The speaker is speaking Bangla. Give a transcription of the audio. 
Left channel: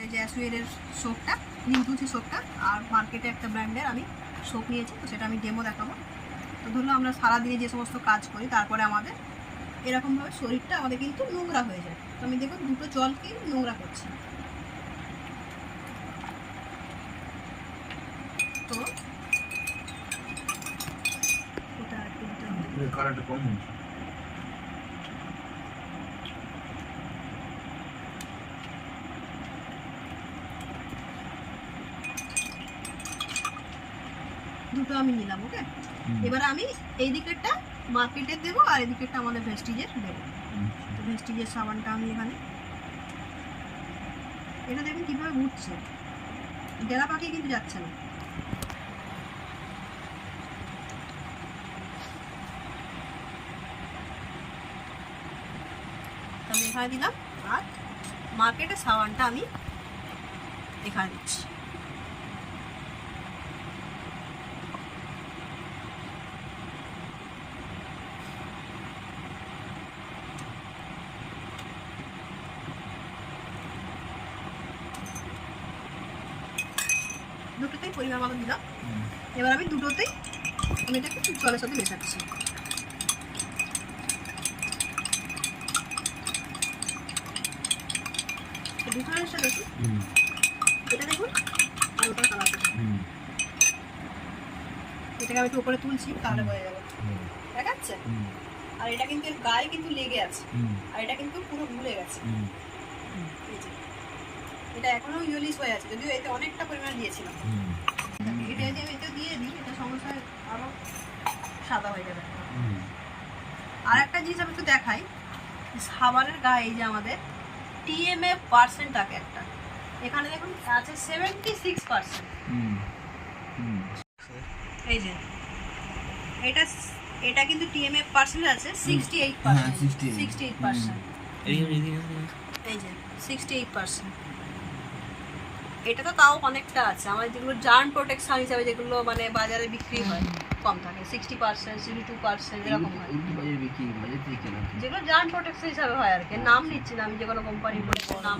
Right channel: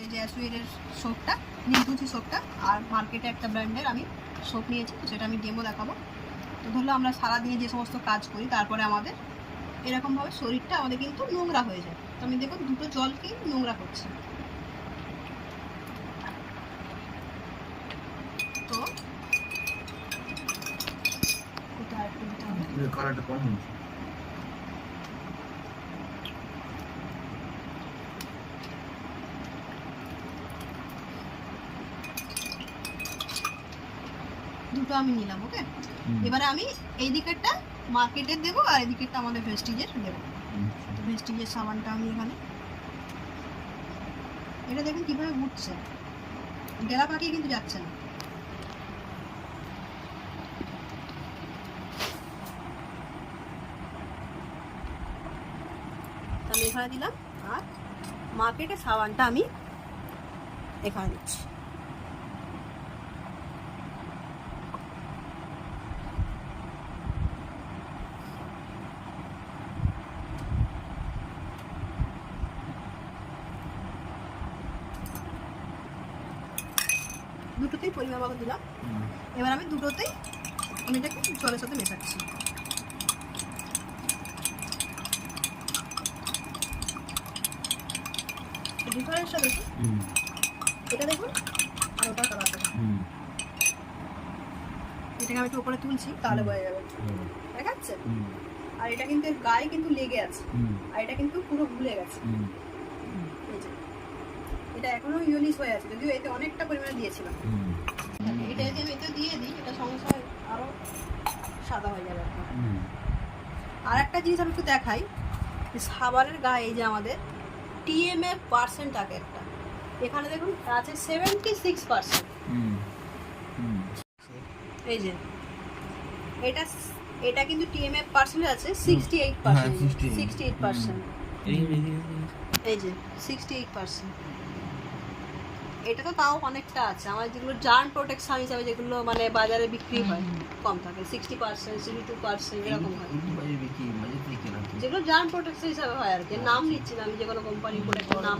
আমাদের যে অ্যাসুয়েরের সোপটা, নিমতুলসি সোপটা, আর মার্কেটে একটা ব্র্যান্ডের আমি সোপ নিয়েছি, তো সেটা আমি ডেমো দেখাবো। তো ধরলো আমরা সারাদিনে যে সমস্ত কাজ করি তারপরে আমাদের এরকমভাবে শরীরটা আমাদের কিন্তু নোংরা হয়ে যায়। তো আমি দেখুন দুটো জলকেই নোংরা করছি। তো এটা একটু দিতে হবে। কালারটা কম হচ্ছে। দুটো আমি নিলাম, ওকে। এবারে আমি এই দিকেরটা মার্কেটের দেবো আর এই দিকেরটা আমাদের ভেস্টিজের দেবো। তো ভেস্টিজের সাবানটা আমি এখানে, এটা দেখুন কীভাবে উঠছে, ডেলা পাকিয়ে কিন্তু যাচ্ছে না। আমি এখানে দিলাম আর মার্কেটের সাবানটা আমি এখানে দিচ্ছি। দুটোতেই পরিমাণ মতো দিলাম। এবার আমি দুটোতেই আমি এটাকে জলের সাথে মেশাচ্ছি। ডিফারেন্সটা দেখুন, এটা দেখুন আর ওটা কালার দেখুন। এটাকে আমি একটু উপরে তুলছি তাহলে বোঝা যাবে, দেখাচ্ছে। আর এটা কিন্তু গায়ে কিন্তু লেগে আছে, আর এটা কিন্তু পুরো ভুলে গেছে। এটা এখনো ইউলিশ হয়ে আছে, যদিও এতে অনেকটা পরিমাণে দিয়েছিলাম। এটা যদি আমি এতে দিয়ে দিই, এটা সমস্যা আরো সাদা হয়ে যাবে। আর একটা জিনিস আমি একটু দেখাই, সাবানের গায়ে এই যে আমাদের TMF পার্সেন্ট থাকে একটা, এখানে দেখুন আছে 76%। এই যে এটা কিন্তু TMF পার্সেন্ট আছে 68%। 68%, এই যে 68%। এটা তো তাও অনেকটা আছে। আমার যেগুলো জার্ম প্রোটেকশন হিসাবে যেগুলো মানে বাজারে বিক্রি হয় কম থাকে, 60%, 62% এরকম হয়। যেগুলো জার্ম প্রোটেকশন হিসাবে হয় আর কি, নাম নিচ্ছি না আমি, যে কোনো কোম্পানি প্রোডাক্টের নাম।